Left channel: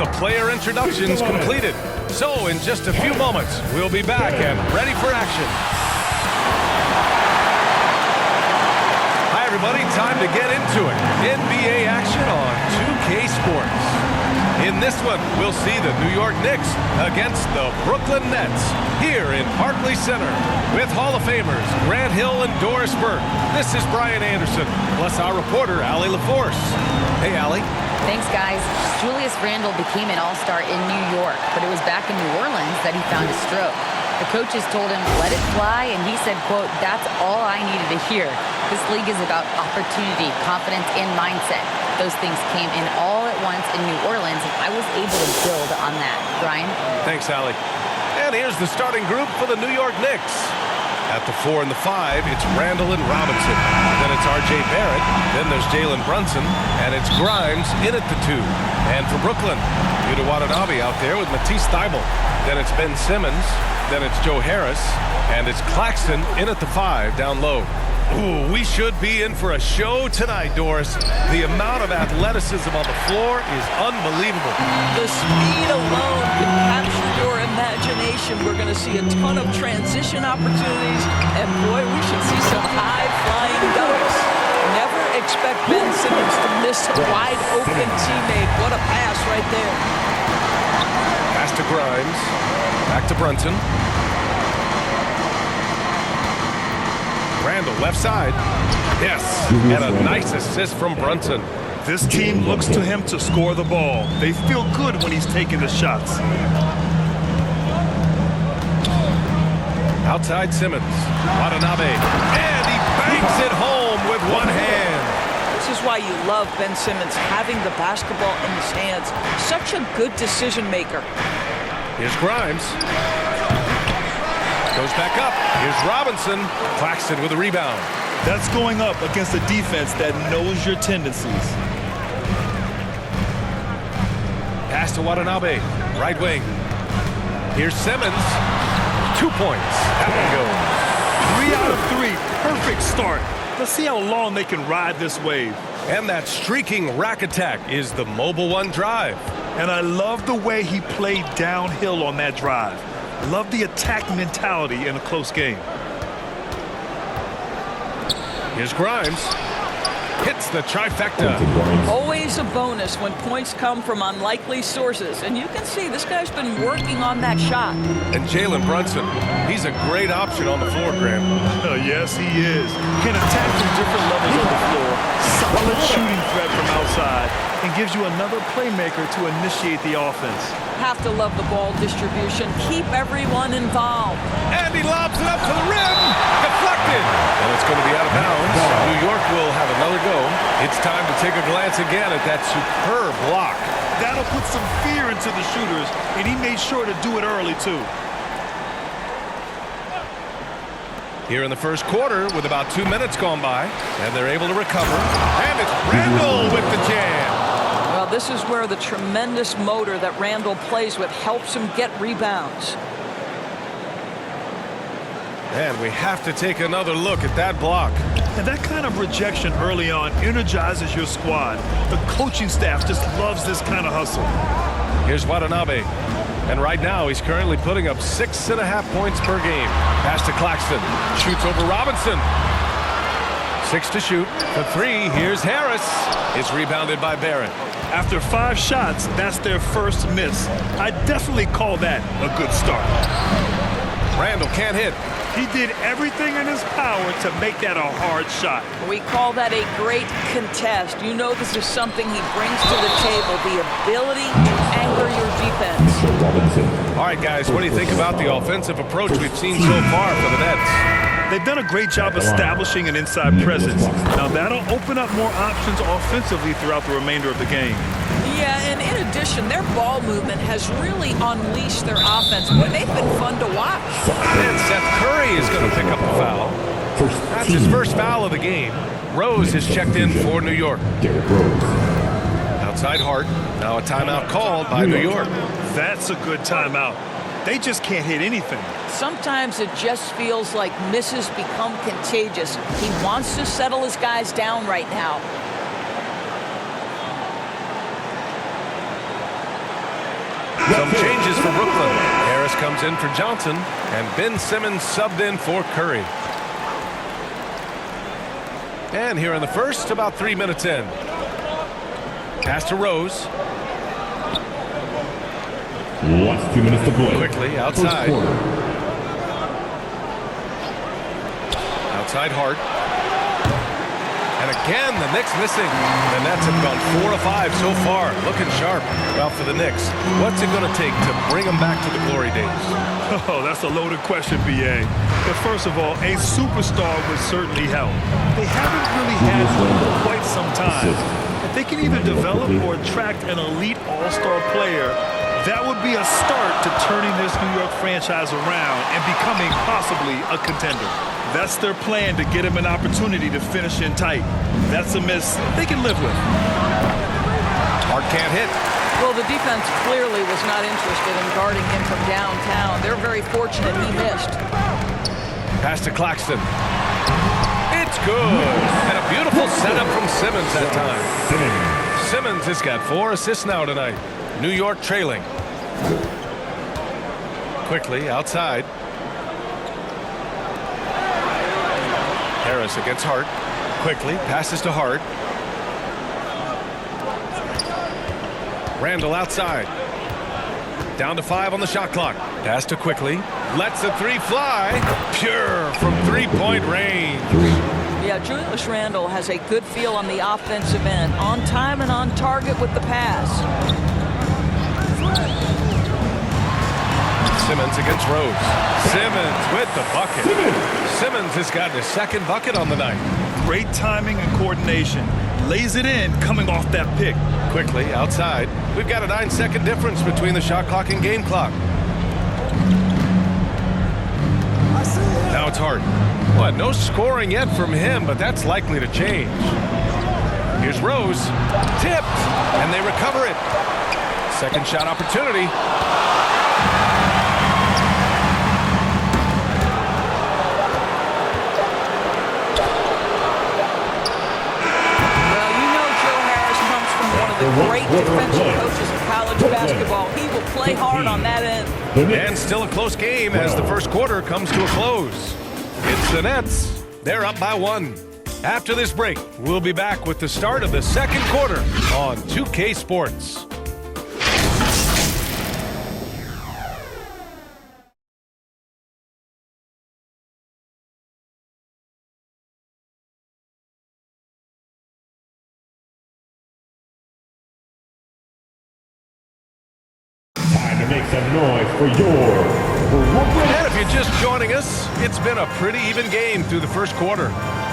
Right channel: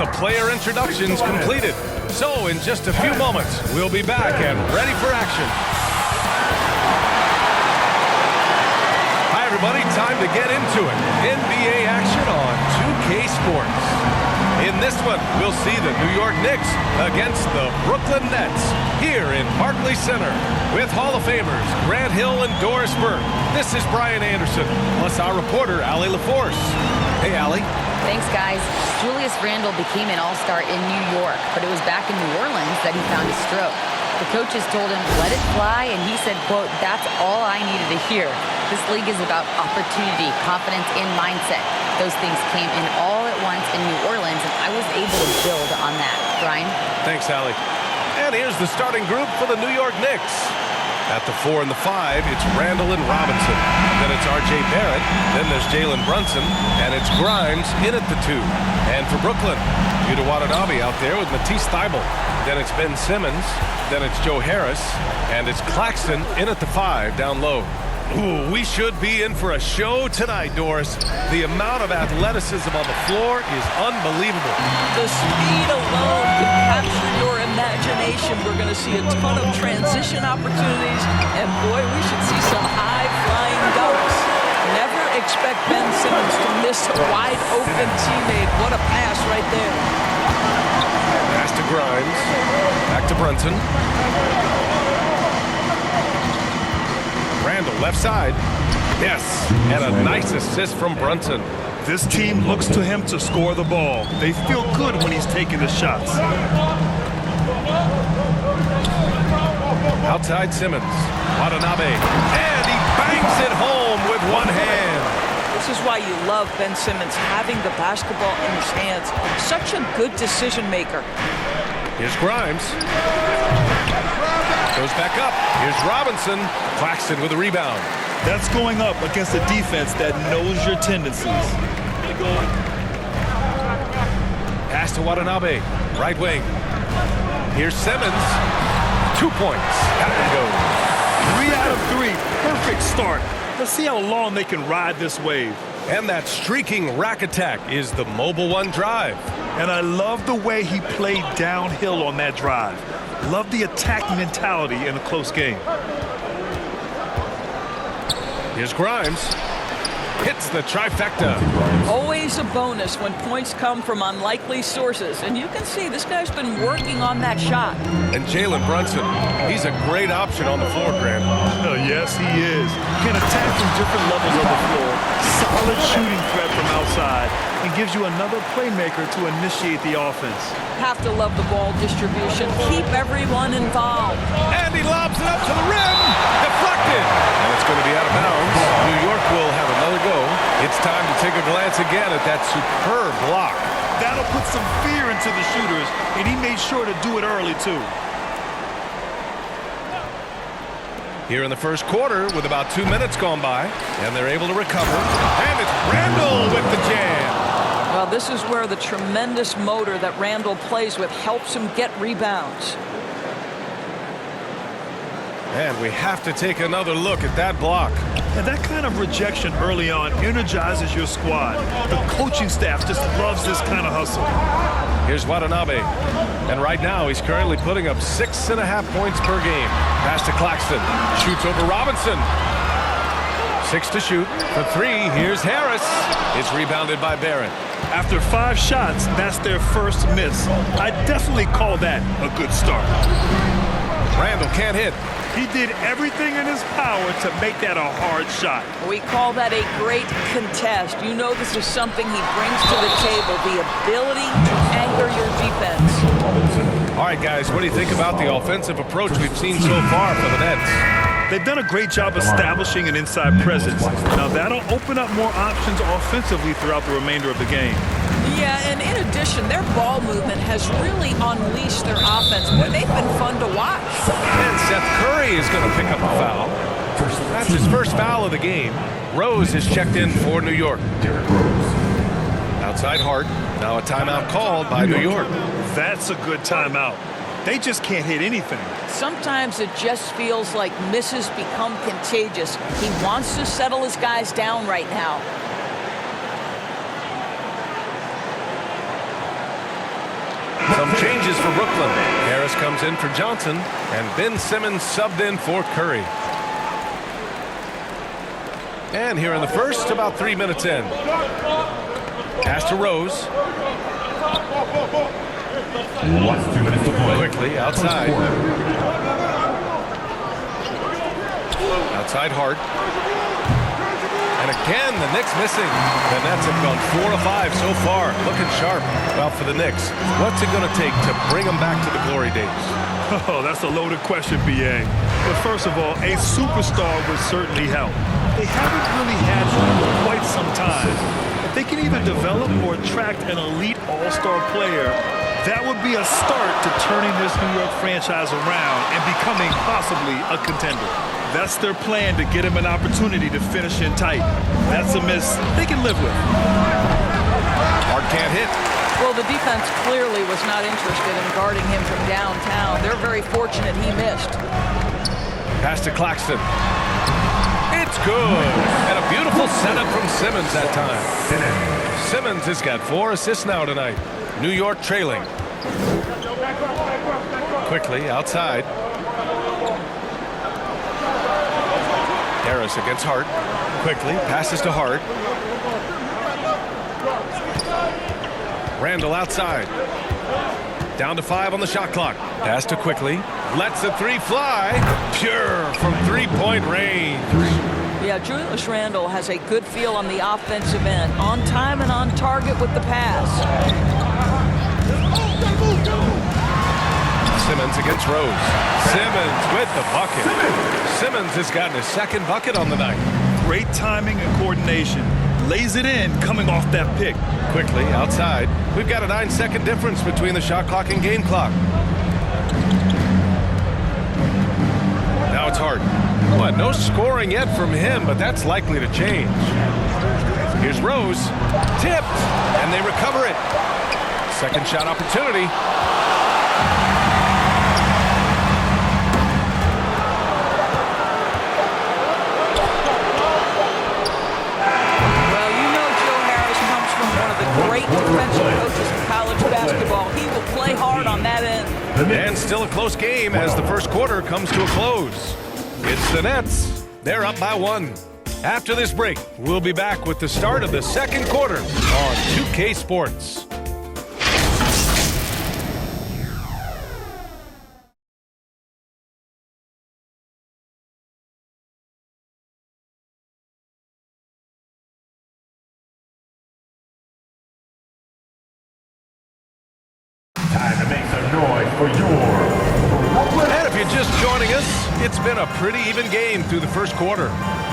the player introductions completed. So in just a few moments, we'll be back and ready for action. Hi, everybody. Time to get into it. NBA action on 2K Sports. In this one, we'll see the New York Knicks against the Brooklyn Nets here in Barclays Center with Hall of Famers Grant Hill and Doris Burke. This is Brian Anderson, plus our reporter, Allie LaForce. Hey, Allie. Thanks, guys. Julius Randle became an all-star in New York, but it was back in New Orleans that he found a stroke. The coaches told him, let it fly, and he said, quote, that's all I needed to hear. This league is about opportunity, confidence, and mindset. Those things came in all at once in New Orleans, and I was able to build on that. Brian? Thanks, Allie. And here's the starting group for the New York Knicks. At the 4 and the 5, it's Randle and Robinson. Then it's R.J. Barrett. Then there's Jalen Brunson. And it's Grimes in at the 2. And for Brooklyn, Yuta Watanabe out there with Matisse Thybulle. Then it's Ben Simmons. Then it's Joe Harris. And it's Claxton in at the 5 down low. Ooh, we should be in for a show tonight, Doris. The amount of athleticism on the floor is unbelievable. The speed alone can capture your imagination. We're going to see a ton of transition opportunities, and boy, we should see some high-flying dunks. Never expect Ben Simmons to miss a wide-open teammate. What a pass right there. Pass to Grimes. Back to Brunson. Randle, left side. Yes, and a nice assist from Brunson. This team looks to him to score the ball. They feel good when he's taking the shots. Outside Simmons. Watanabe. And he bangs it home with one hand. This is why you love Ben Simmons having the basketball in his hands. Such a good decision maker. Here's Grimes. Goes back up. Here's Robinson. Claxton with a rebound. That's going up against a defense that knows your tendencies. Pass to Watanabe. Right wing. Here's Simmons. 2 points. That one goes. 3 out of 3. Perfect start. Let's see how long they can ride this wave. And that streaking rack attack is the Mobile One drive. And I love the way he played downhill on that drive. Love the attack mentality in a close game. Here's Grimes. Hits the trifecta. Always a bonus when points come from unlikely sources. And you can see this guy's been working on that shot. And Jalen Brunson, he's a great option on the floor, Grant. Yes, he is. Can attack from different levels of the floor. Solid shooting threat from outside. And gives you another playmaker to initiate the offense. Have to love the ball distribution. Keep everyone involved. And he lobs it up to the rim. Deflected. And it's going to be out of bounds. New York will have another go. It's time to take a glance again at that superb block. That'll put some fear into the shooters, and he made sure to do it early, too. Here in the first quarter with about 2 minutes gone by, and they're able to recover. And it's Randle with the jam. Well, this is where the tremendous motor that Randle plays with helps him get rebounds. And we have to take another look at that block. And that kind of rejection early on energizes your squad. The coaching staff just loves this kind of hustle. Here's Watanabe. And right now, he's currently putting up 6.5 points per game. Pass to Claxton. Shoots over Robinson. 6 to shoot. For 3, here's Harris. It's rebounded by Barrett. After 5 shots, that's their first miss. I definitely call that a good start. Randle can't hit. He did everything in his power to make that a hard shot. We call that a great contest. You know this is something he brings to the table, the ability to anchor your defense. All right, guys, what do you think about the offensive approach we've seen so far for the Nets? They've done a great job establishing an inside presence. Now that'll open up more options offensively throughout the remainder of the game. Yeah, and in addition, their ball movement has really unleashed their offense. Boy, they've been fun to watch. And Seth Curry is going to pick up a foul. That's his first foul of the game. Rose is checked in for New York. Outside Hart. Now a timeout called by New York. That's a good timeout. They just can't hit anything. Sometimes it just feels like misses become contagious. He wants to settle his guys down right now. Some changes for Brooklyn. Harris comes in for Johnson, and Ben Simmons subbed in for Curry. And here in the first, about 3 minutes in. Pass to Rose. Last 2 minutes to play. Quickly outside. Outside Hart. And again, the Knicks missing. The Nets have gone 4 of 5 so far. Looking sharp. Well, for the Knicks, what's it going to take to bring them back to the glory days? Oh, that's a loaded question, B.A. But first of all, a superstar would certainly help. They haven't really had one for quite some time. If they can either develop or attract an elite all-star player, that would be a start to turning this New York franchise around and becoming possibly a contender. That's their plan, to get him an opportunity to finish in tight. That's a miss they can live with. Hart can't hit. Well, the defense clearly was not interested in guarding him from downtown. They're very fortunate he missed. Pass to Claxton. It's good. And a beautiful setup from Simmons that time. Simmons has got 4 assists now tonight. New York trailing. Quickly outside. Harris against Hart. Quickly passes to Hart. Randall outside. Down to 5 on the shot clock. Pass to Quickly. Lets the 3 fly. Pure from 3-point range. Yeah, Julius Randle has a good feel on the offensive end. On time and on target with the pass. Simmons against Rose. Simmons with the bucket. Simmons has gotten his 2nd bucket on the night. Great timing and coordination. Lays it in coming off that pick. Quickly outside. We've got a 9-second difference between the shot clock and game clock. Now it's Hart. What? No scoring yet from him, but that's likely to change. Here's Rose. Tipped. And they recover it. Second shot opportunity. From one of the great defensive coaches in college basketball. He will play hard on that end. And still a close game as the first quarter comes to a close. It's the Nets. They're up by 1. After this break, we'll be back with the start of the second quarter on 2K Sports. Time to make some noise for your Brooklyn. And if you're just joining us, it's been a pretty even game through the first quarter.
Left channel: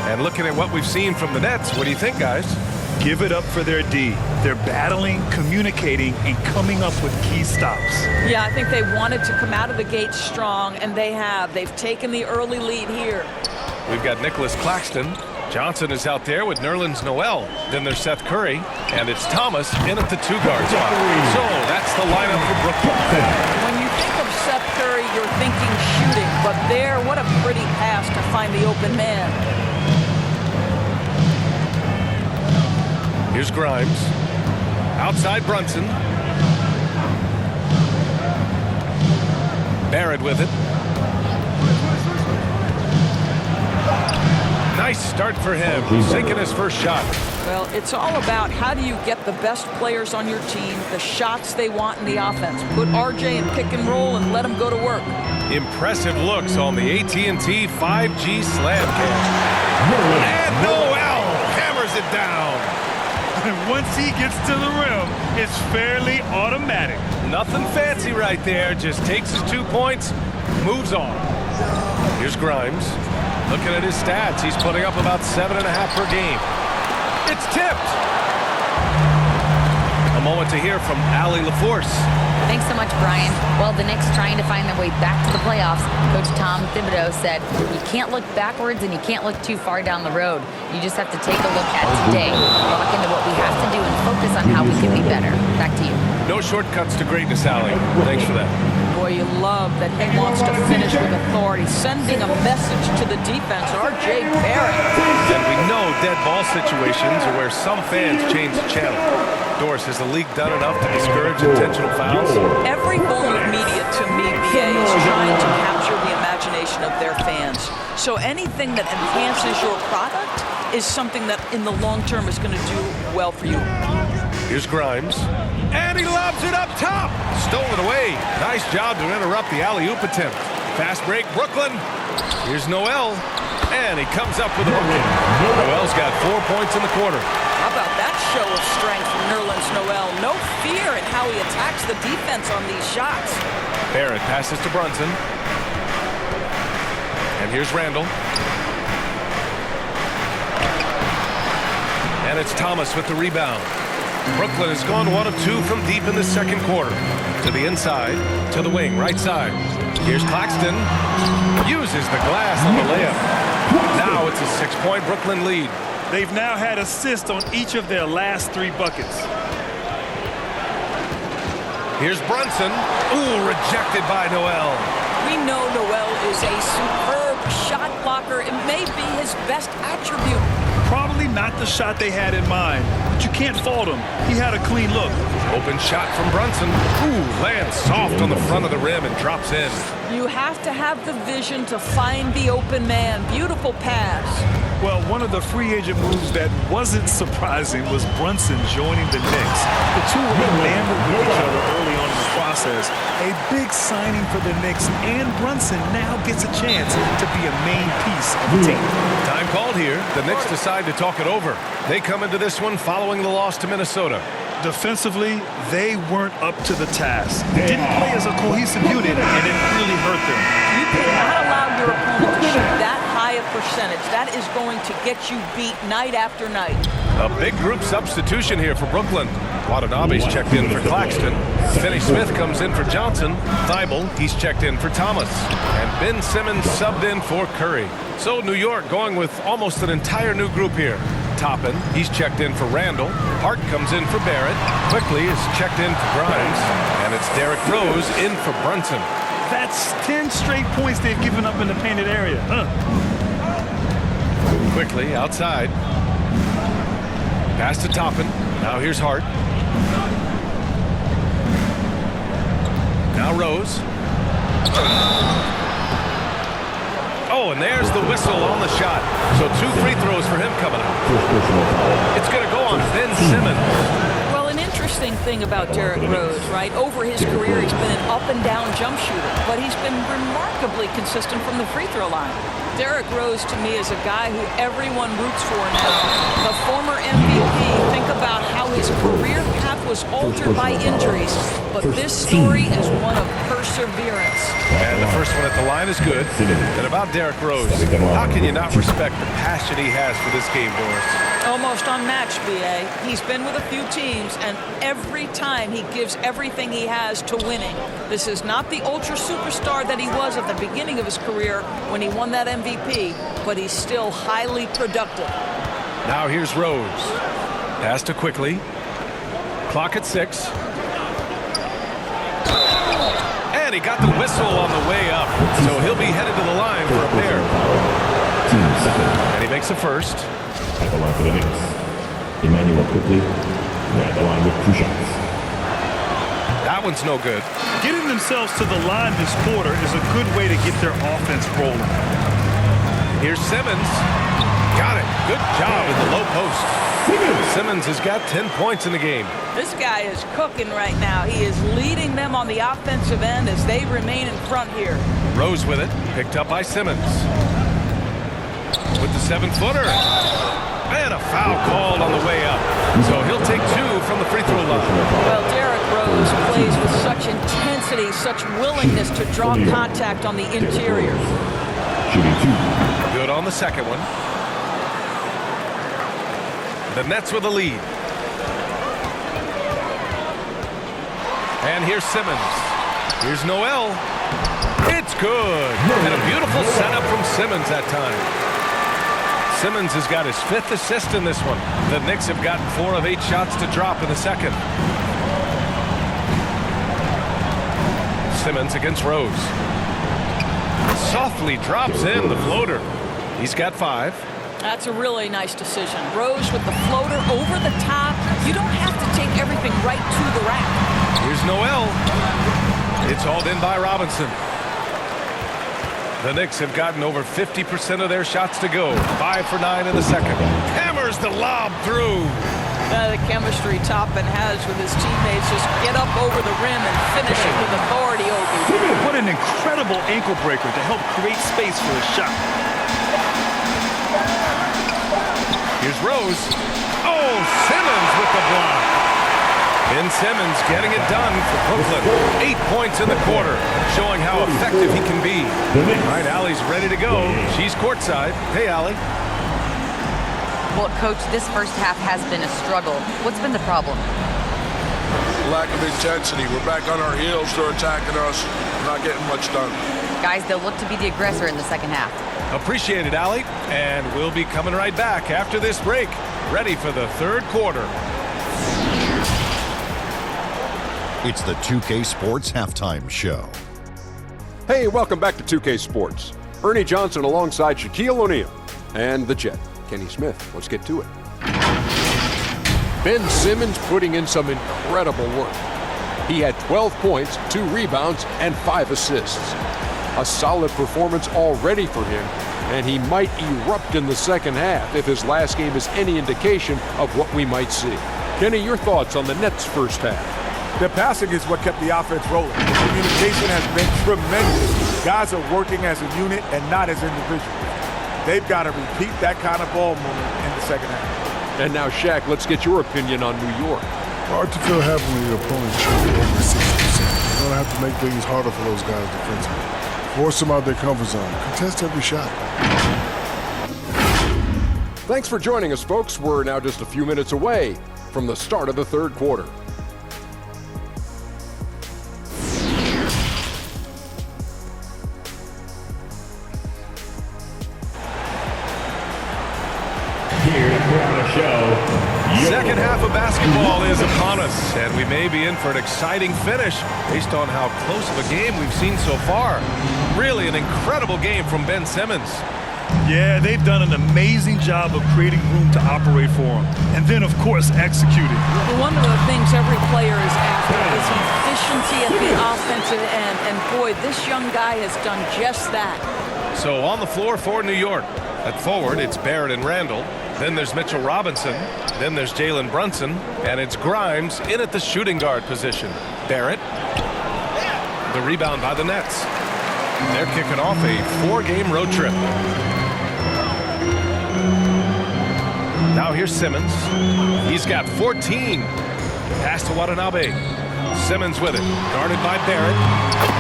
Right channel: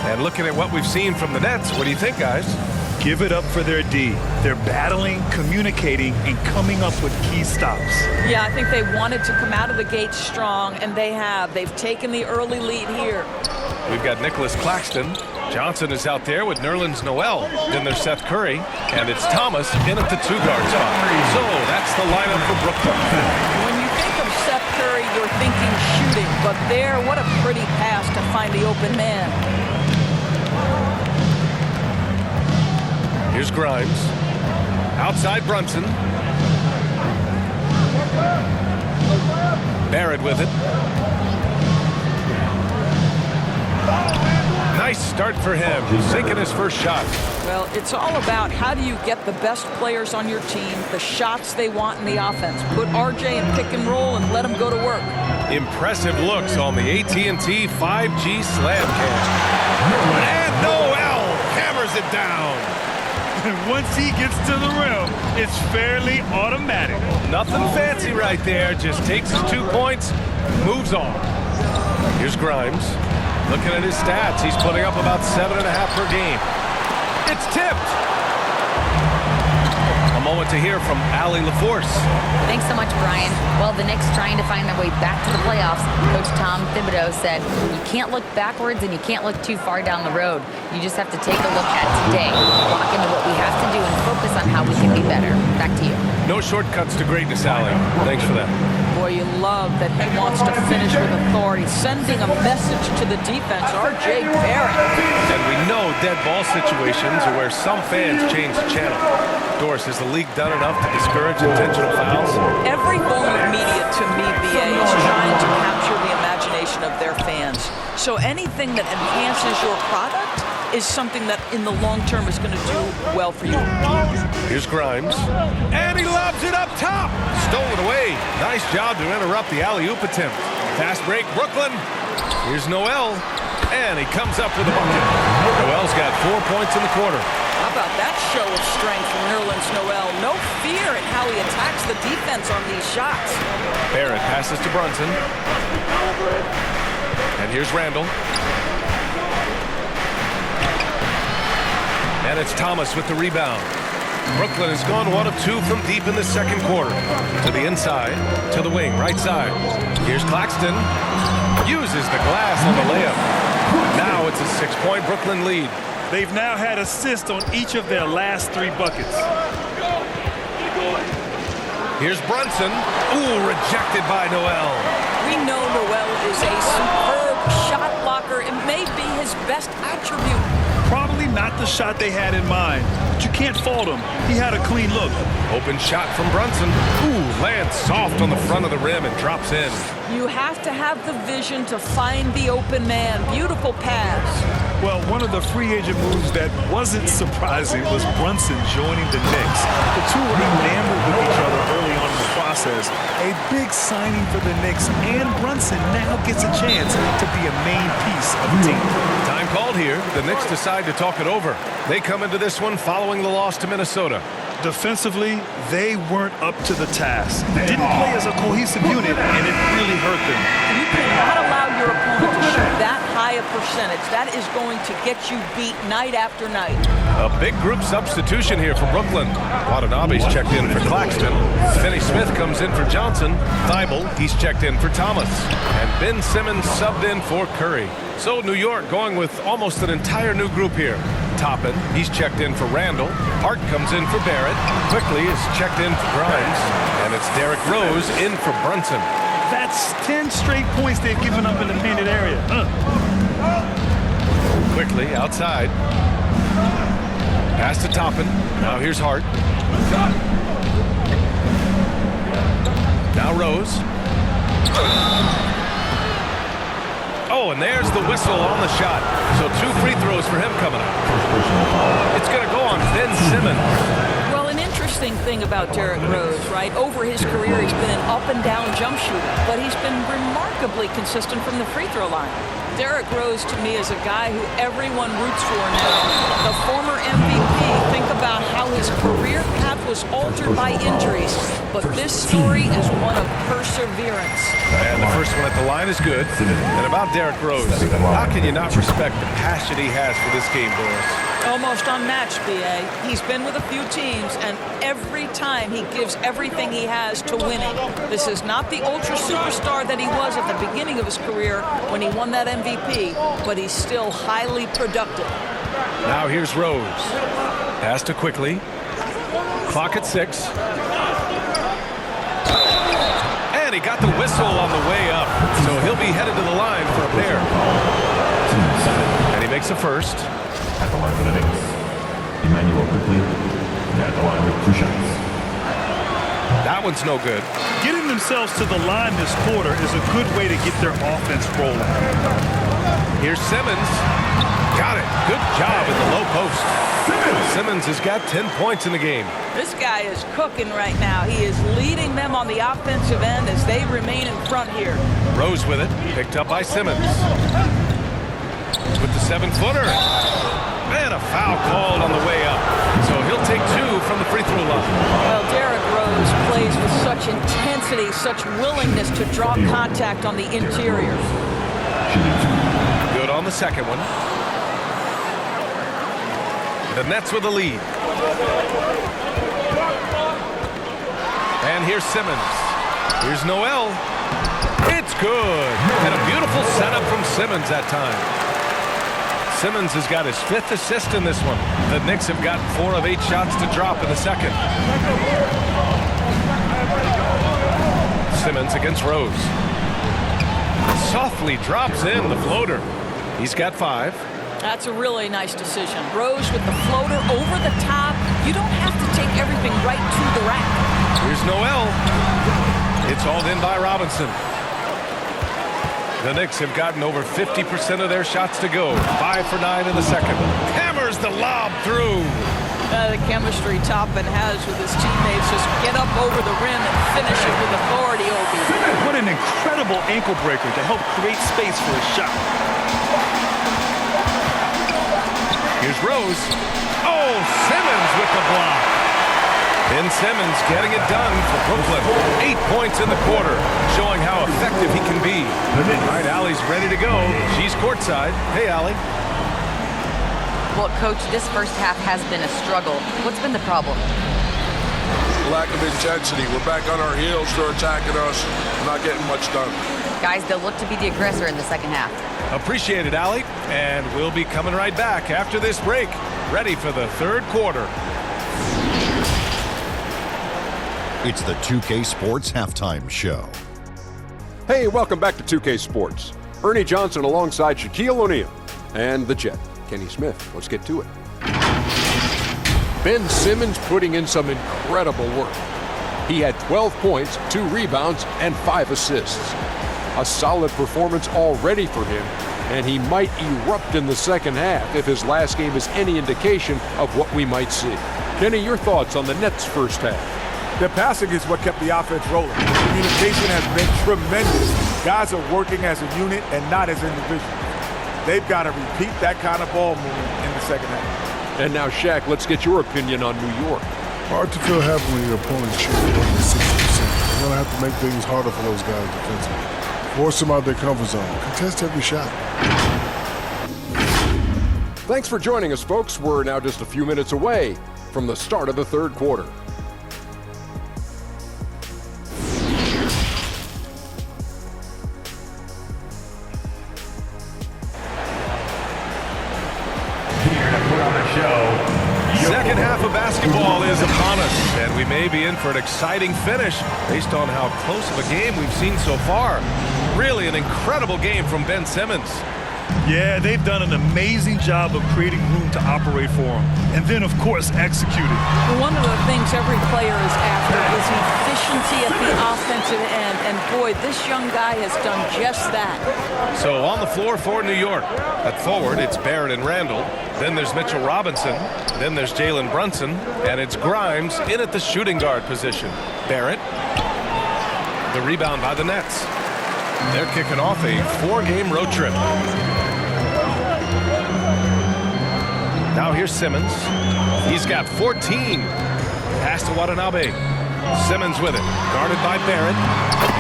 And looking at what we've seen from the Nets, what do you think, guys? Give it up for their D. They're battling, communicating, and coming up with key stops. Yeah, I think they wanted to come out of the gate strong, and they have. They've taken the early lead here. We've got Nicholas Claxton. Johnson is out there with Nerlens Noel. Then there's Seth Curry. And it's Thomas in at the 2-guard spot. So that's the lineup for Brooklyn. When you think of Seth Curry, you're thinking shooting. But there, what a pretty pass to find the open man. Here's Grimes. Outside Brunson. Barrett with it. Nice start for him, sinking his first shot. Well, it's all about how do you get the best players on your team, the shots they want in the offense. Put RJ in pick and roll and let him go to work. Impressive looks on the AT&T 5G Slam Cam. And Noel hammers it down. And once he gets to the rim, it's fairly automatic. Nothing fancy right there, just takes his 2 points, moves on. Here's Grimes. Looking at his stats, he's putting up about 7.5 per game. It's tipped. A moment to hear from Allie LaForce. Thanks so much, Brian. Well, the Knicks trying to find their way back to the playoffs. Coach Tom Thibodeau said, you can't look backwards and you can't look too far down the road. You just have to take a look at today, lock into what we have to do, and focus on how we can be better. Back to you. No shortcuts to greatness, Allie. Thanks for that. Boy, you love that he wants to finish with authority, sending a message to the defense, R.J. Barrett. And we know dead ball situations are where some fans change the channel. Doris, has the league done enough to discourage intentional fouls? Every form of media, to me, BA, is trying to capture the imagination of their fans. So anything that enhances your product is something that in the long term is going to do well for you. Here's Grimes. And he lobs it up top. Stolen away. Nice job to interrupt the alley-oop attempt. Fast break, Brooklyn. Here's Noel. And he comes up with a bucket. Noel's got 4 points in the quarter. How about that show of strength from Nerlens Noel? No fear in how he attacks the defense on these shots. Barrett passes to Brunson. And here's Randall. And it's Thomas with the rebound. Brooklyn has gone 1 of 2 from deep in the second quarter. To the inside, to the wing, right side. Here's Claxton. Uses the glass on the layup. Now it's a 6-point Brooklyn lead. They've now had assists on each of their last 3 buckets. Here's Brunson. Ooh, rejected by Noel. We know Noel is a superb shot blocker. It may be his best attribute. Probably not the shot they had in mind, but you can't fault him. He had a clean look. Open shot from Brunson. Ooh, lands soft on the front of the rim and drops in. You have to have the vision to find the open man. Beautiful pass. Well, one of the free agent moves that wasn't surprising was Brunson joining the Knicks. The two were enamored with each other early on in the process. A big signing for the Knicks, and Brunson now gets a chance to be a main piece of the team. Time called here. The Knicks decide to talk it over. They come into this one following the loss to Minnesota. Defensively, they weren't up to the task. They didn't play as a cohesive unit, and it really hurt them. You cannot allow your opponent to shoot that high a percentage. That is going to get you beat night after night. A big group substitution here for Brooklyn. Watanabe's checked in for Claxton. Finney-Smith comes in for Johnson. Thibault, he's checked in for Thomas. And Ben Simmons subbed in for Curry. So New York going with almost an entire new group here. Toppin, he's checked in for Randall. Hart comes in for Barrett. Quickly is checked in for Grimes. And it's Derrick Rose in for Brunson. That's 10 straight points they've given up in the painted area. Quickly outside. Pass to Toppin. Now here's Hart. Now Rose. Oh, and there's the whistle on the shot. So 2 free throws for him coming up. First personal foul. It's going to go on Ben Simmons. Well, an interesting thing about Derrick Rose, right? Over his career, he's been an up-and-down jump shooter, but he's been remarkably consistent from the free throw line. Derrick Rose, to me, is a guy who everyone roots for now. The former MVP, think about how his career path was altered by injuries, but this story is one of perseverance. And the first one at the line is good. And about Derrick Rose, how can you not respect the passion he has for this game, Doris? Almost unmatched, BA. He's been with a few teams, and every time he gives everything he has to winning. This is not the ultra superstar that he was at the beginning of his career when he won that MVP, but he's still highly productive. Now here's Rose. Pass to Quickly. Clock at 6. And he got the whistle on the way up, so he'll be headed to the line for a pair. Team 7. And he makes a first. At the line for the Knicks. Emmanuel Quickly. At the line with 2 shots. That one's no good. Getting themselves to the line this quarter is a good way to get their offense rolling. Here's Simmons. Got it. Good job in the low post. Simmons has got 10 points in the game. This guy is cooking right now. He is leading them on the offensive end as they remain in front here. Rose with it. Picked up by Simmons. With the 7-footer. And a foul called on the way up. So he'll take 2 from the free throw line. Well, Derrick Rose plays with such intensity, such willingness to draw contact on the interior. Shooting 2. Good on the second one. The Nets with the lead. And here's Simmons. Here's Noel. It's good. And a beautiful setup from Simmons that time. Simmons has got his 5th assist in this one. The Knicks have gotten 4 of 8 shots to drop in the second. Simmons against Rose. Softly drops in the floater. He's got 5. That's a really nice decision. Rose with the floater over the top. You don't have to take everything right to the rack. Here's Noel. It's hauled in by Robinson. The Knicks have gotten over 50% of their shots to go. 5 for 9 in the second. Hammers the lob through. The chemistry Toppin has with his teammates. Just get up over the rim and finish it with authority, Obi. What an incredible ankle breaker to help create space for a shot. Here's Rose. Oh, Simmons with the block. Ben Simmons getting it done for Brooklyn. 8 points in the quarter, showing how effective he can be. All right, Allie's ready to go. She's courtside. Hey, Allie. Well, Coach, this first half has been a struggle. What's been the problem? Lack of intensity. We're back on our heels. They're attacking us. We're not getting much done. Guys, they'll look to be the aggressor in the second half. Appreciate it, Allie. And we'll be coming right back after this break. Ready for the third quarter. It's the 2K Sports Halftime Show. Hey, welcome back to 2K Sports. Ernie Johnson alongside Shaquille O'Neal and the Jet, Kenny Smith. Let's get to it. Ben Simmons putting in some incredible work. He had 12 points, 2 rebounds, and 5 assists. A solid performance already for him, and he might erupt in the second half if his last game is any indication of what we might see. Kenny, your thoughts on the Nets' first half? The passing is what kept the offense rolling. The communication has been tremendous. Guys are working as a unit and not as individuals. They've got to repeat that kind of ball movement in the second half. And now, Shaq, let's get your opinion on New York. Hard to feel happy when your opponent's shooting over 60%. You're going to have to make things harder for those guys defensively. Force them out their comfort zone. Contest every shot. Thanks for joining us, folks. We're now just a few minutes away from the start of the third quarter. Here to put on a show. Second half of basketball is upon us, and we may be in for an exciting finish based on how close of a game we've seen so far. Really an incredible game from Ben Simmons. Yeah, they've done an amazing job of creating room to operate for him. And then, of course, executing. One of the things every player is after is efficiency at the offensive end. And boy, this young guy has done just that. So on the floor for New York. At forward, it's Barrett and Randall. Then there's Mitchell Robinson. Then there's Jalen Brunson. And it's Grimes in at the shooting guard position. Barrett. The rebound by the Nets. They're kicking off a 4-game road trip. Now here's Simmons. He's got 14. Pass to Watanabe. Simmons with it. Guarded by Barrett.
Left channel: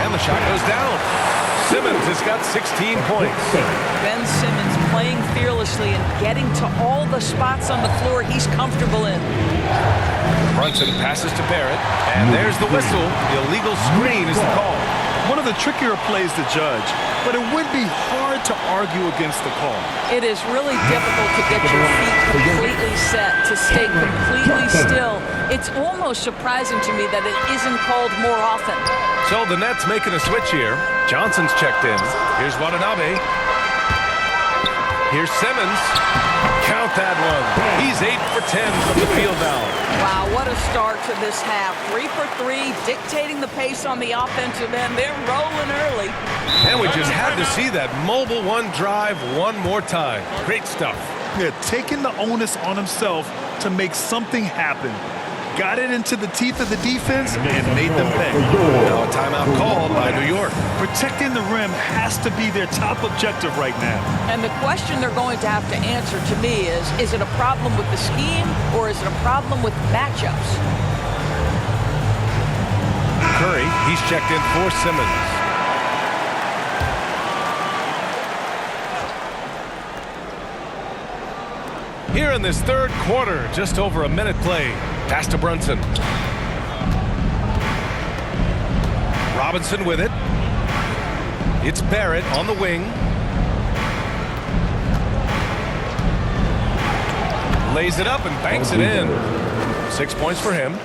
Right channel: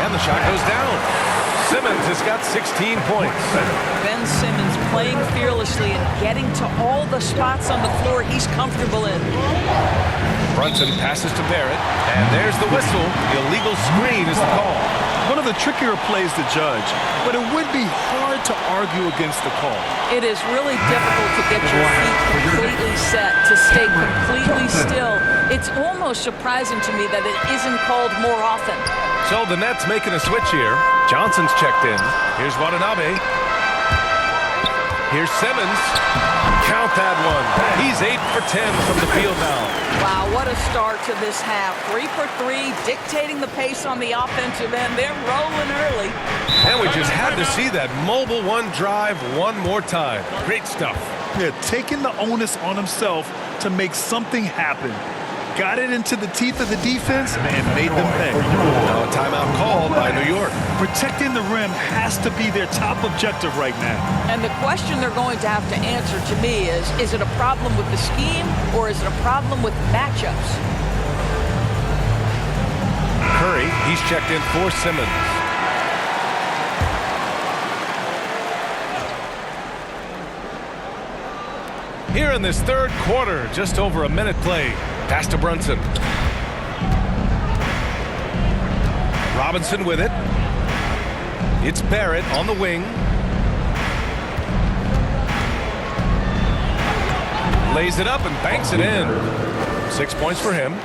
And the shot goes down. Simmons has got 16 points. Ben Simmons playing fearlessly and getting to all the spots on the floor he's comfortable in. Brunson passes to Barrett. And there's the whistle. Illegal screen is the call. One of the trickier plays to judge, but it would be hard to argue against the call. It is really difficult to get your feet completely set, to stay completely still. It's almost surprising to me that it isn't called more often. So the Nets making a switch here. Johnson's checked in. Here's Watanabe. Here's Simmons. Count that one. He's 8 for 10 from the field now. Wow, what a start to this half. 3 for 3, dictating the pace on the offensive end. They're rolling early. And we just had to see that mobile one drive one more time. Great stuff. Yeah, taking the onus on himself to make something happen. Got it into the teeth of the defense and made them pay. Now a timeout called by New York. Protecting the rim has to be their top objective right now. And the question they're going to have to answer to me is it a problem with the scheme or is it a problem with matchups? Curry, he's checked in for Simmons. Here in this third quarter, just over a minute play. Pass to Brunson. Robinson with it. It's Barrett on the wing. Lays it up and banks it in. 6 points for him.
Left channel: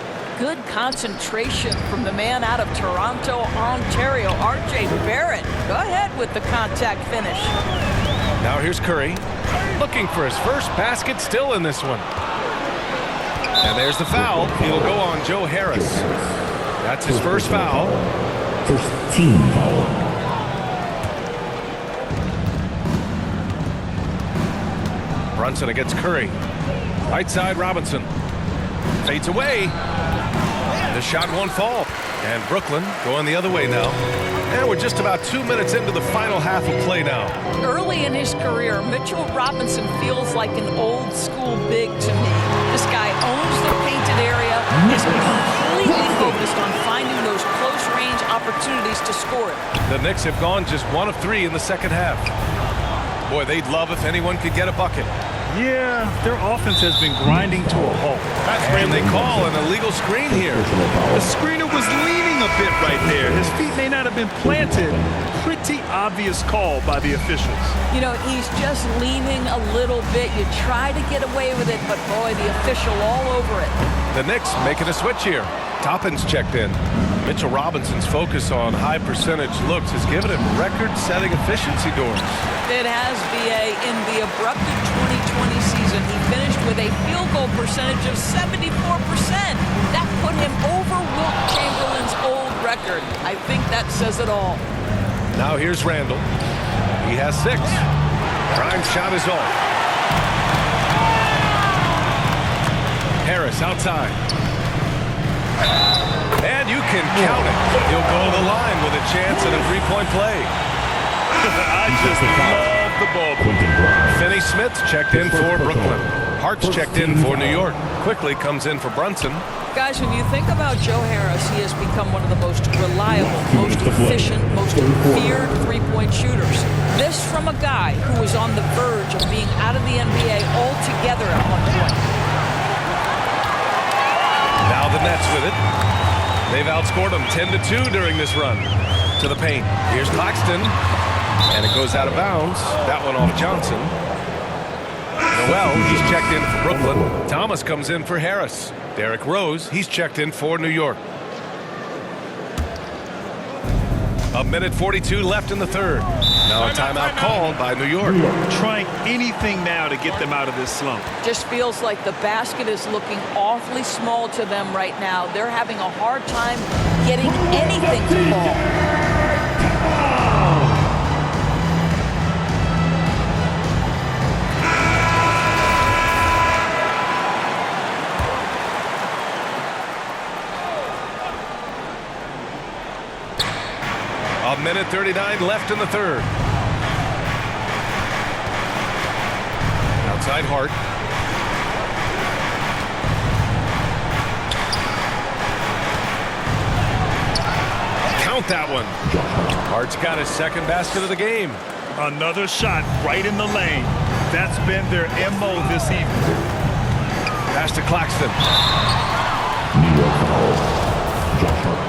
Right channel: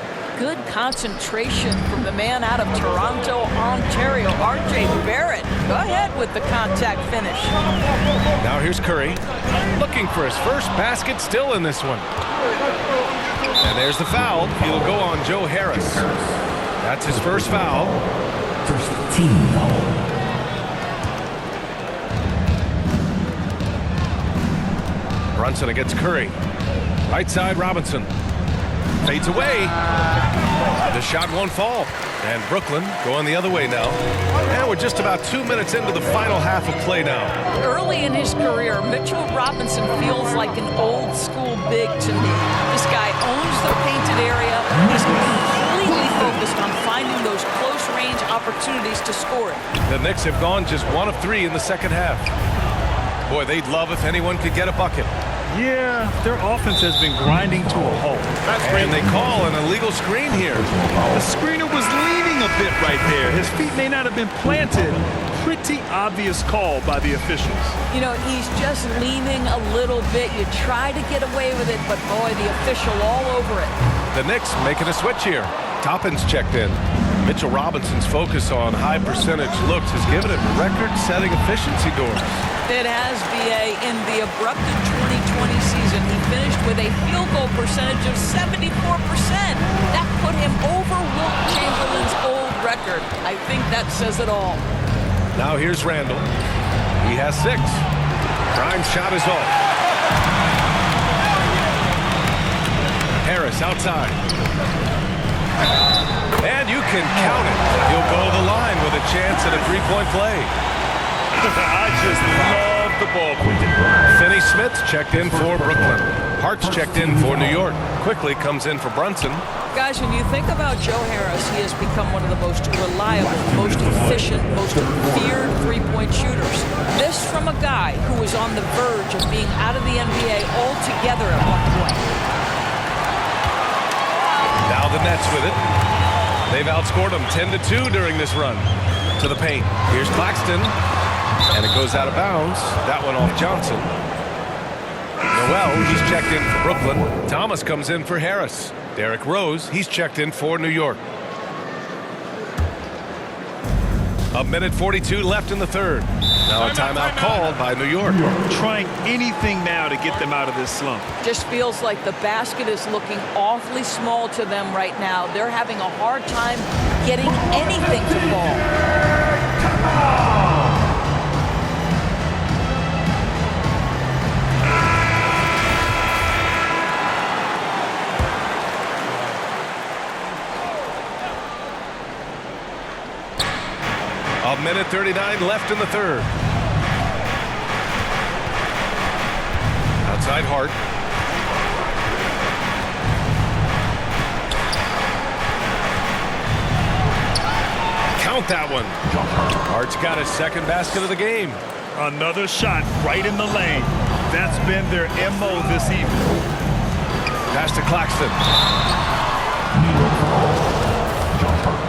good concentration from the man out of Toronto, Ontario, R.J. Barrett. Go ahead with the contact finish. Now here's Curry, looking for his first basket, still in this one. And there's the foul. It'll go on Joe Harris. That's his first foul. First team foul. Brunson against Curry. Right side, Robinson. Fades away. The shot won't fall. And Brooklyn going the other way now. And we're just about 2 minutes into the final half of play now. Early in his career, Mitchell Robinson feels like an old school big to me. This guy owns the painted area, is completely focused on finding those close range opportunities to score it. The Knicks have gone just 1 of 3 in the second half. Boy, they'd love if anyone could get a bucket. Yeah, their offense has been grinding to a halt. And they call an illegal screen here. The screener was leaning a bit right there. His feet may not have been planted. Pretty obvious call by the officials. You know, he's just leaning a little bit. You try to get away with it, but boy, the official all over it. The Knicks making a switch here. Toppin's checked in. Mitchell Robinson's focus on high percentage looks has given him record-setting efficiency doors. It has, B.A. In the abrupted 2020 season, he finished with a field goal percentage of 74%. That put him over Wilt Chamberlain's old record. I think that says it all. Now here's Randall. He has 6. Grimes' shot is off. Harris outside. And you can count it. He'll go to the line with a chance at a three-point play. I just love the ball. Finney Smith's checked in for Brooklyn. Hart's checked in for New York. Quickly comes in for Brunson. Guys, when you think about Joe Harris, he has become one of the most reliable, most efficient, most feared three-point shooters. This from a guy who was on the verge of being out of the NBA altogether at one point. Now the Nets with it. They've outscored them 10-2 during this run. To the paint. Here's Claxton. And it goes out of bounds. That one off Johnson. Noel, he's checked in for Brooklyn. Thomas comes in for Harris. Derrick Rose, he's checked in for New York. 1:42 left in the third. Now a timeout called by New York. Trying anything now to get them out of this slump. Just feels like the basket is looking awfully small to them right now. They're having a hard time getting anything to fall. A 1:39 left in the third. Outside Hart. Count that one. Hart's got his second basket of the game. Another shot right in the lane. That's been their MO this evening. Pass to Claxton. New York foul. Josh Hart.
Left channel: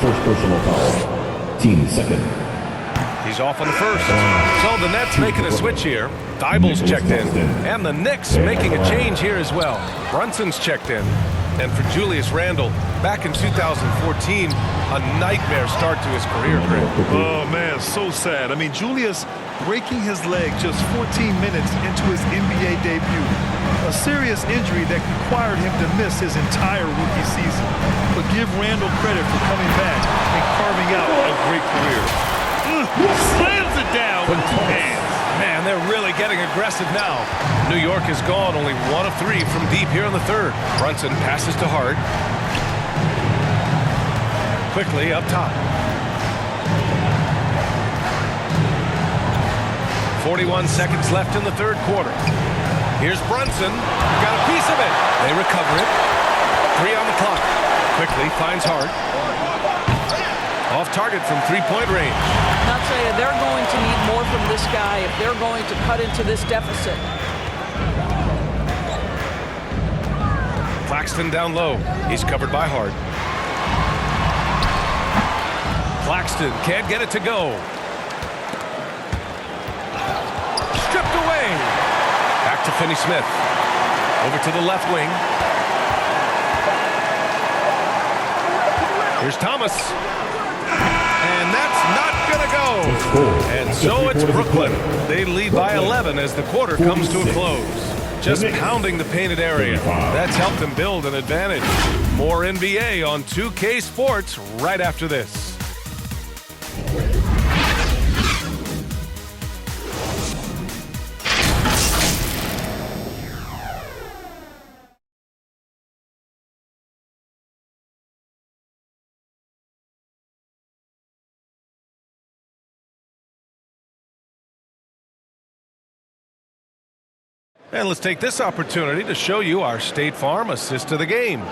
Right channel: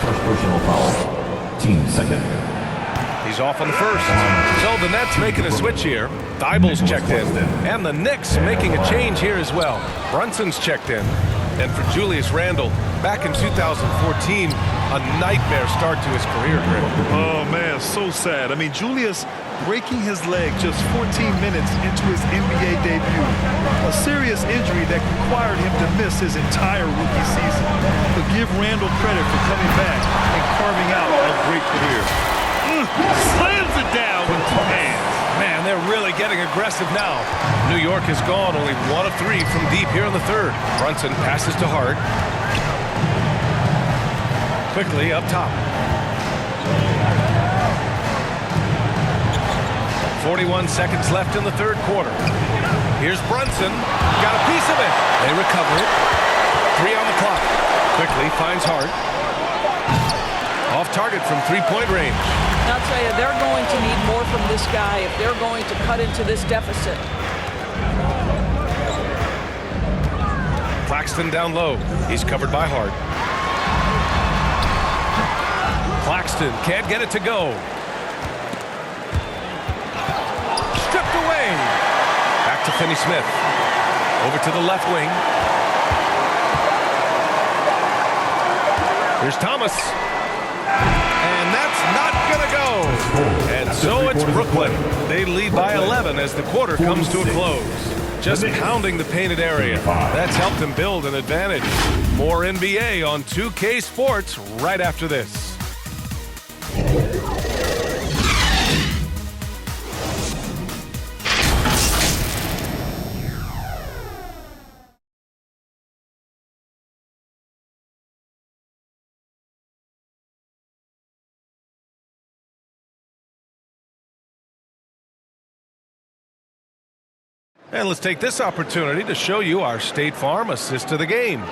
First personal foul. Team second. He's off on the first. So the Nets making a switch here. Thybulle's checked in. And the Knicks making a change here as well. Brunson's checked in. And for Julius Randle, back in 2014, a nightmare start to his career, Greg. Oh, man, so sad. I mean, Julius breaking his leg just 14 minutes into his NBA debut. A serious injury that required him to miss his entire rookie season. But give Randle credit for coming back and carving out a great career. Slams it down with 2 hands. Man, they're really getting aggressive now. New York has gone only 1 of 3 from deep here in the third. Brunson passes to Hart. Quickly up top. 41 seconds left in the third quarter. Here's Brunson. Got a piece of it. They recover it. 3 on the clock. Quickly finds Hart. Off target from three-point range. And I'll tell you, they're going to need more from this guy if they're going to cut into this deficit. Claxton down low. He's covered by Hart. Claxton can't get it to go. Stripped away. Back to Finney Smith. Over to the left wing. Here's Thomas. And that's not going to go. And so it's Brooklyn. They lead by 11 as the quarter comes to a close. Just pounding the painted area. That's helped them build an advantage. More NBA on 2K Sports right after this. And let's take this opportunity to show you our State Farm assist to the game.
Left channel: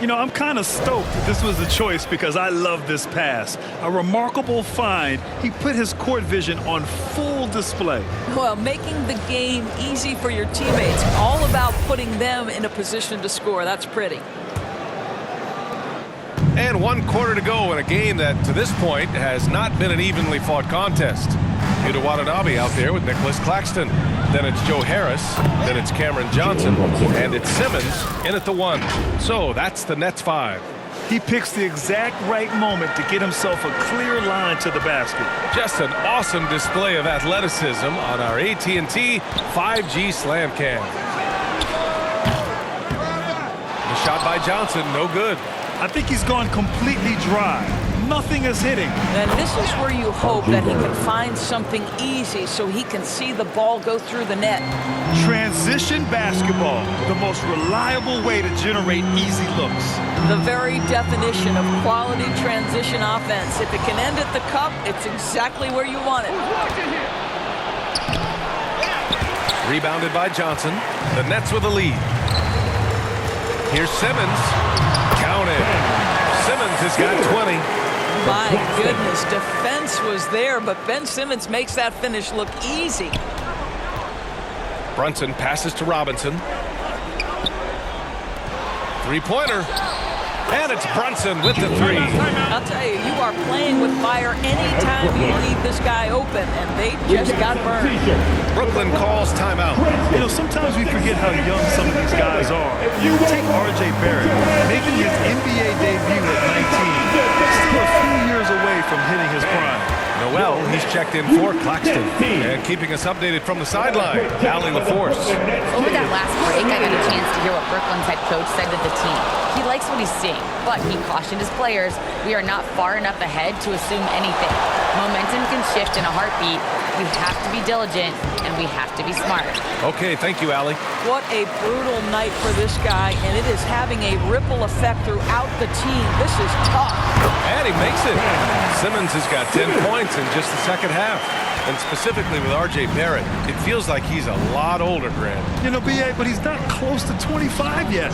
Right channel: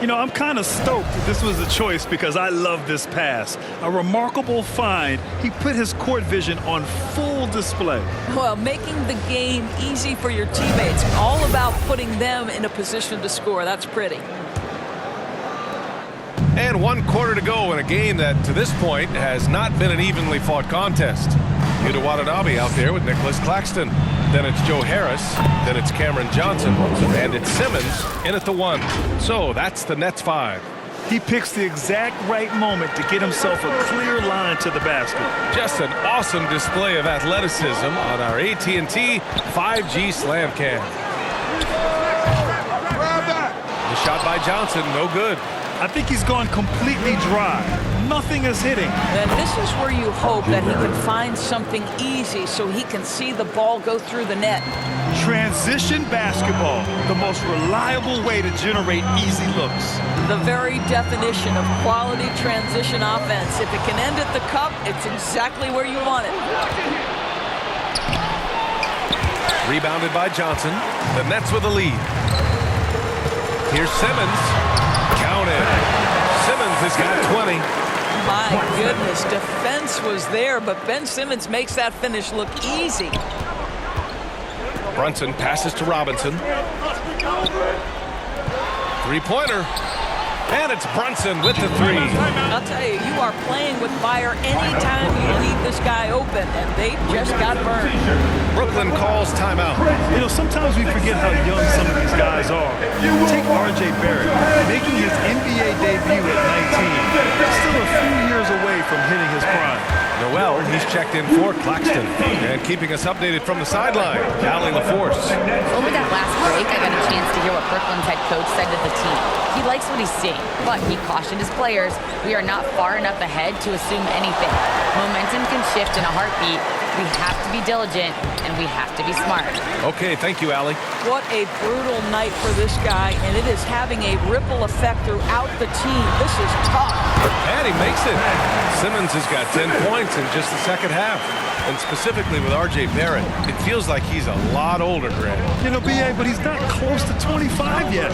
You know, I'm kind of stoked that this was a choice because I love this pass. A remarkable find. He put his court vision on full display. Well, making the game easy for your teammates. All about putting them in a position to score. That's pretty. And 1 quarter to go in a game that, to this point, has not been an evenly fought contest. Yuta Watanabe out there with Nicholas Claxton. Then it's Joe Harris. Then it's Cameron Johnson. And it's Simmons in at the 1. So that's the Nets 5. He picks the exact right moment to get himself a clear line to the basket. Just an awesome display of athleticism on our AT&T 5G Slam Cam. The shot by Johnson, no good. I think he's gone completely dry. Nothing is hitting. And this is where you hope that he can find something easy so he can see the ball go through the net. Transition basketball, the most reliable way to generate easy looks. The very definition of quality transition offense. If it can end at the cup, it's exactly where you want it. Rebounded by Johnson. The Nets with the lead. Here's Simmons. Counted. Simmons has got 20. My goodness, defense was there, but Ben Simmons makes that finish look easy. Brunson passes to Robinson. 3-pointer. And it's Brunson with the 3. I'll tell you, you are playing with fire anytime you leave this guy open, and they just got burned. Brooklyn calls timeout. You know, sometimes we forget how young some of these guys are. Take R.J. Barrett, making his NBA debut at 19. Still a few years away from hitting his prime. Noel, he's checked in for Claxton. And keeping us updated from the sideline, Allie LaForce. Over that last break, I got a chance to hear what Brooklyn's head coach said to the team. He likes what he's seeing, but he cautioned his players, we are not far enough ahead to assume anything. Momentum can shift in a heartbeat. We have to be diligent, and we have to be smart. Okay, thank you, Allie. What a brutal night for this guy, and it is having a ripple effect throughout the team. This is tough. And he makes it. Simmons has got 10 points in just the second half. And specifically with R.J. Barrett, it feels like he's a lot older, Grant. You know, B.A., but he's not close to 25 yet.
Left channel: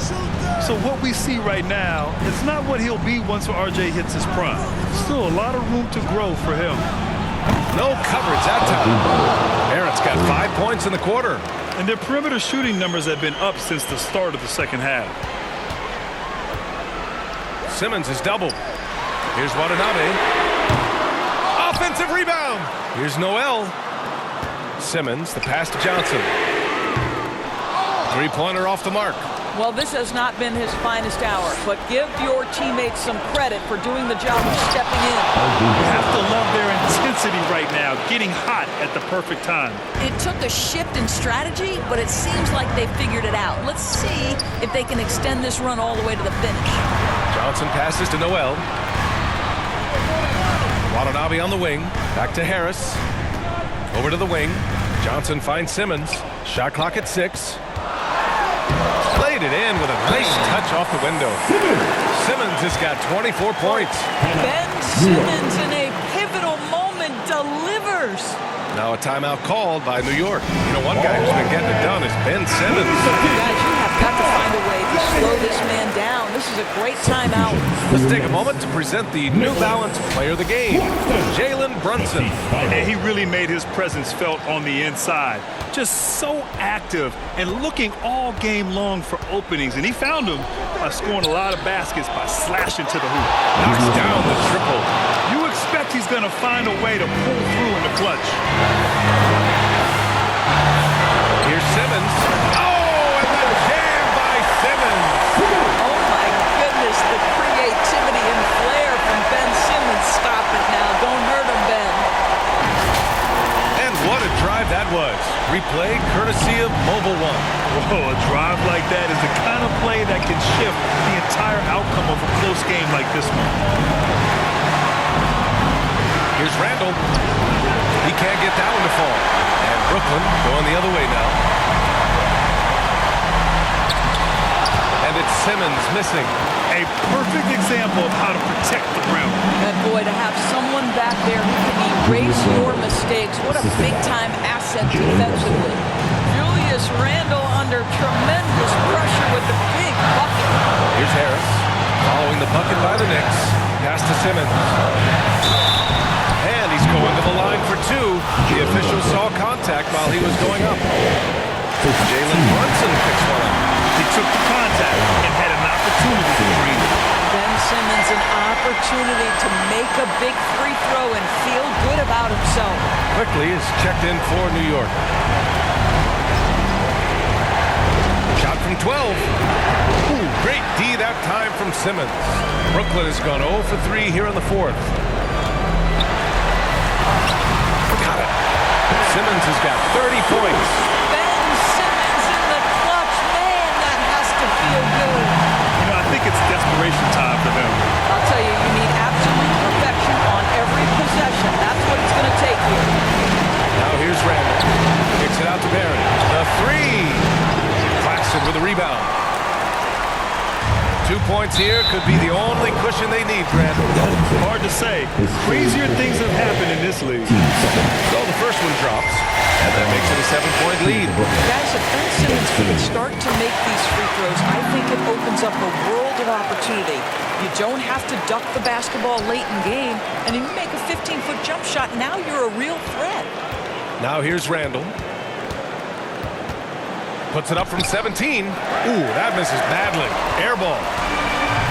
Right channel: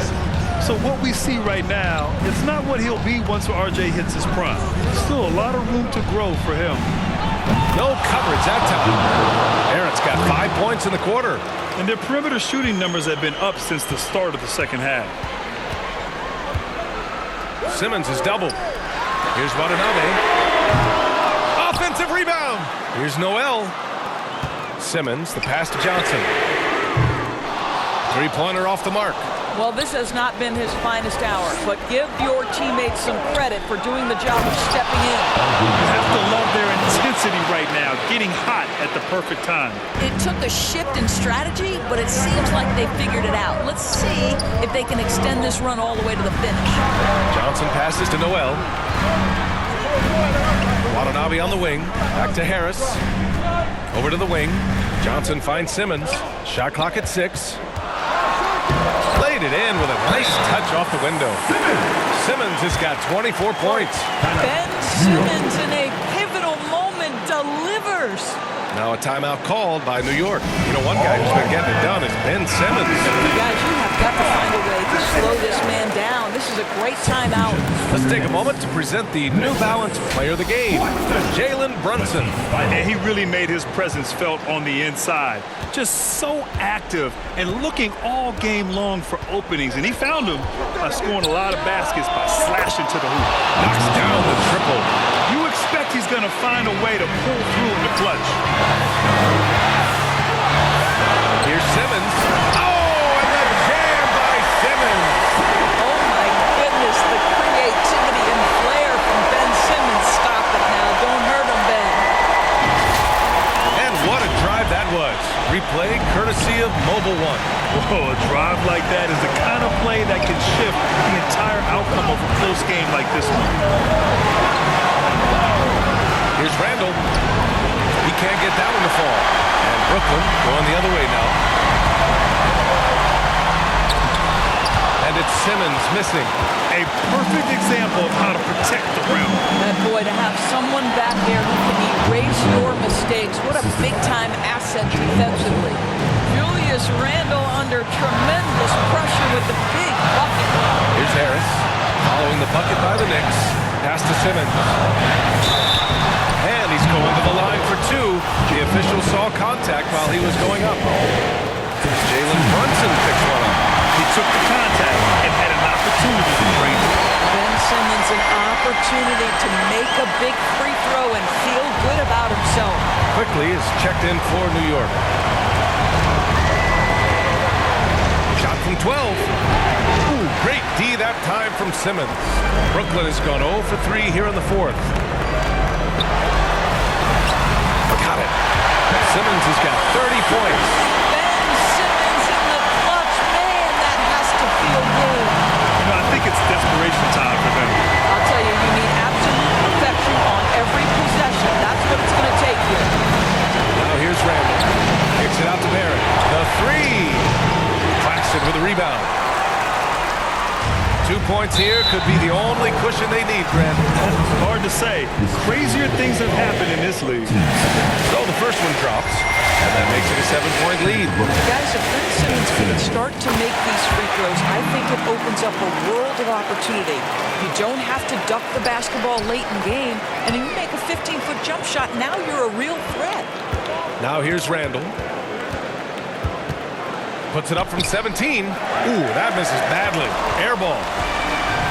So what we see right now, it's not what he'll be once R.J. hits his prime. Still a lot of room to grow for him. No coverage that time. Barrett's got 5 points in the quarter. And their perimeter shooting numbers have been up since the start of the second half. Simmons is doubled. Here's Watanabe. Offensive rebound. Here's Noel. Simmons, the pass to Johnson. 3-pointer off the mark. Well, this has not been his finest hour, but give your teammates some credit for doing the job of stepping in. You have to love their intensity right now, getting hot at the perfect time. It took a shift in strategy, but it seems like they figured it out. Let's see if they can extend this run all the way to the finish. Johnson passes to Noel. Watanabe on the wing. Back to Harris. Over to the wing. Johnson finds Simmons. Shot clock at 6. Played it in with a nice touch off the window. Simmons has got 24 points. Ben Simmons in a pivotal moment delivers. Now a timeout called by New York. You know, one guy who's been getting it done is Ben Simmons. Guys, you have got to find a way to slow this man down. This is a great timeout. Let's take a moment to present the New Balance Player of the Game, Jalen Brunson. And he really made his presence felt on the inside. Just so active and looking all game long for openings. And he found them by scoring a lot of baskets by slashing to the hoop. Knocks down the triple. You expect he's going to find a way to pull through in the clutch. Here's Simmons. Oh, and the jam by Simmons. Oh, my goodness. goodness, the creativity and flair from Ben Simmons. Stop it now. Don't hurt him, Ben. And what a drive that was. Replay courtesy of Mobile One. Whoa, a drive like that is the kind of play that can shift the entire outcome of a close game like this one. Here's Randall. He can't get that one to fall. And Brooklyn going the other way now. And it's Simmons missing. A perfect example of how to protect the rim. And boy, to have someone back there who can erase your mistakes, what a big-time asset defensively. Julius Randle under tremendous pressure with the big bucket. Here's Harris following the bucket by the Knicks. Pass to Simmons. And he's going to the line for two. The official saw contact while he was going up. Jalen Brunson picks one up. He took the contact and had an opportunity to drain it. Ben Simmons an opportunity to make a big free throw and feel good about himself. Quickly is checked in for New York. Shot from 12. Ooh, great D that time from Simmons. Brooklyn has gone 0 for 3 here in the fourth. Got it. Simmons has got 30 points. Ben Simmons in the clutch. Man, that has to feel good. You know, I think it's desperation time for them. I'll tell you, you need absolute perfection on every possession. That's what it's going to take here. Now here's Randall. Kicks it out to Barrett. The three. Claxton with a rebound. 2 points here could be the only cushion they need, Grant. Hard to say. Crazier things have happened in this league. So the first one drops, and that makes it a 7-point lead. Guys, if Ben Simmons can start to make these free throws, I think it opens up a world of opportunity. You don't have to duck the basketball late in game, and if you make a 15-foot jump shot, now you're a real threat. Now here's Randall. Puts it up from 17. Ooh, that misses badly. Air ball.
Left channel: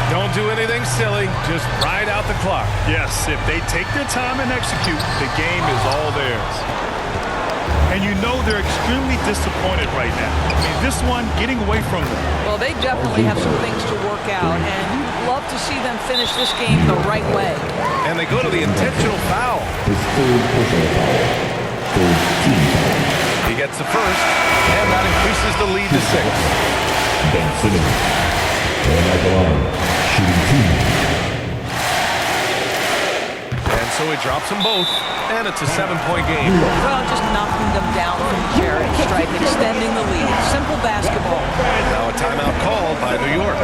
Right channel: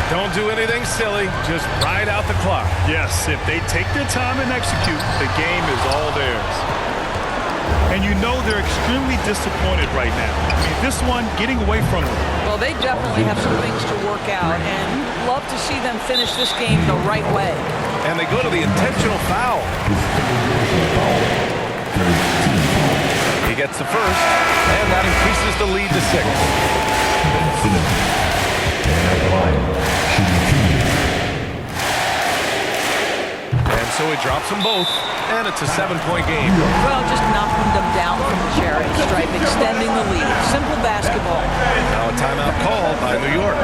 Don't do anything silly. Just ride out the clock. Yes, if they take their time and execute, the game is all theirs. And you know they're extremely disappointed right now. I mean, this one getting away from them. Well, they definitely have some things to work out, and you'd love to see them finish this game the right way. And they go to the intentional foul. His third personal foul. Third team foul. He gets the first, and that increases the lead to 6. Ben Simmons. And at the line, shooting 2. And so he drops them both, and it's a 7-point game. Well, just knocking them down from the charity stripe, extending the lead. Simple basketball. Now a timeout called by New York.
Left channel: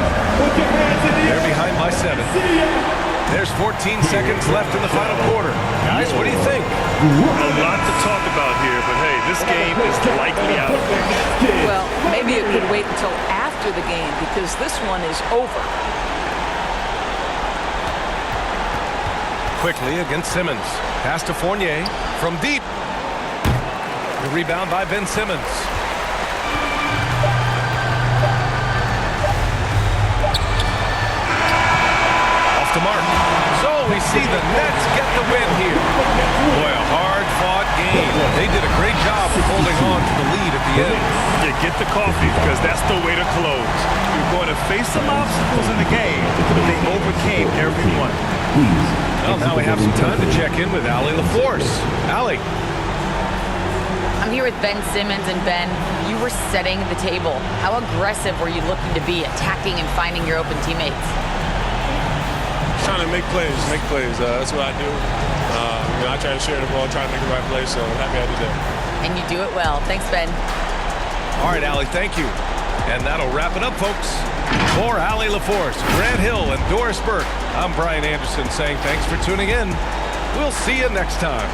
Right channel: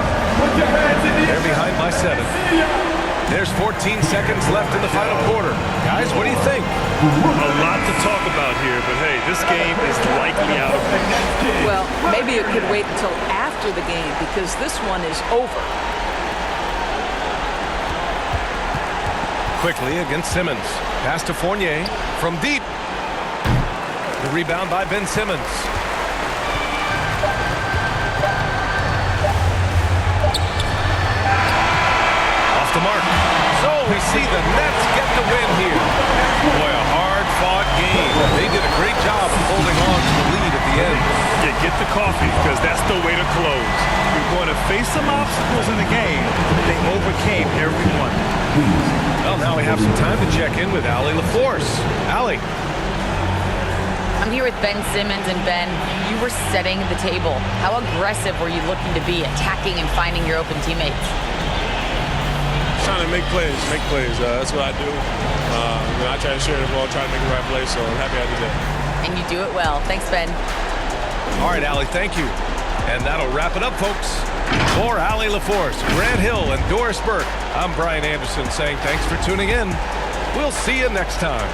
They're behind by 7. There's 14 seconds left in the final quarter. Guys, what do you think? A lot to talk about here, but hey, this game is likely out of reach. Well, maybe it could wait until after the game because this one is over. Quickly against Simmons. Pass to Fournier from deep. The rebound by Ben Simmons. Off the mark. So we see the Nets get the win here. Boy, a hard-fought game. They did a great job of holding on to the lead at the end. Yeah, get the coffee because that's the way to close. You're going to face some obstacles in the game, but they overcame every one. Well, now we have some time to check in with Allie LaForce. Allie. I'm here with Ben Simmons, and Ben, you were setting the table. How aggressive were you looking to be, attacking and finding your open teammates? Trying to make plays. That's what I do. I try to share the ball, try to make the right play, so I'm happy I did that. And you do it well. Thanks, Ben. All right, Allie, thank you. And that'll wrap it up, folks. For Allie LaForce, Grant Hill, and Doris Burke, I'm Brian Anderson saying thanks for tuning in. We'll see you next time.